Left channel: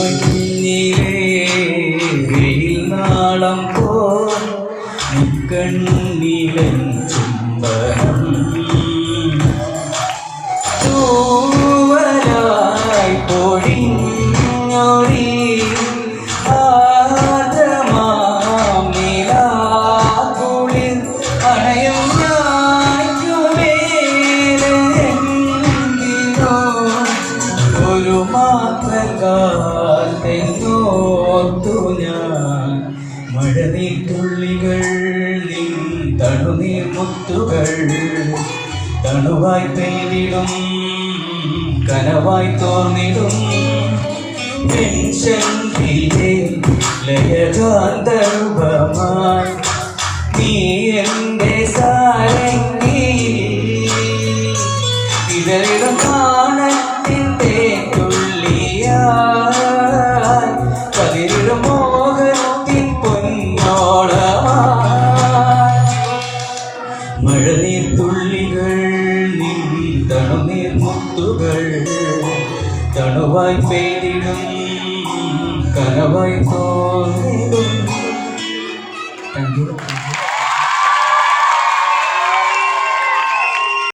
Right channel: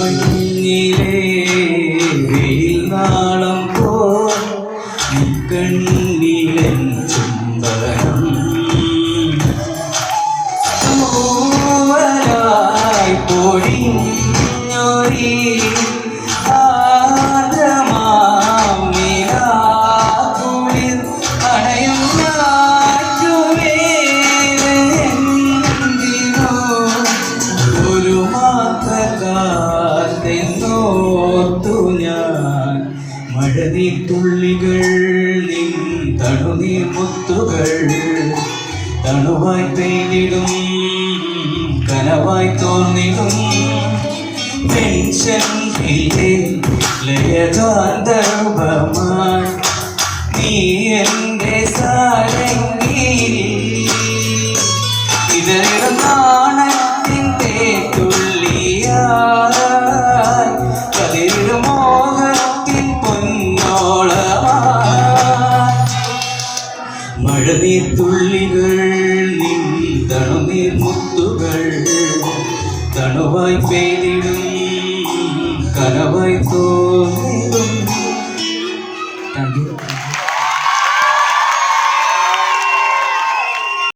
മഞ്ഞിലേളം പോ. കണ്ണിലെ ചുംബനം. മാത്രകാത്തെന്നോർത്തു ഞാൻ. മഴനീർത്തുള്ളികൾ നിൻ തണുനീർ മുത്തുകൾ. തണുവായി പെയ്തിടും കനവായി തോന്നിടും. പെൻഷൻസിലെ ലയകാന്തർഭമായി നീ എന്റെ സാരംഗി. ഇതറിടും மழநீர் துள்ளிகள் நின் தனுநீர் முத்துகள். தனுவாய் பெய்திடும் கனவாய் தோன்றிடும்.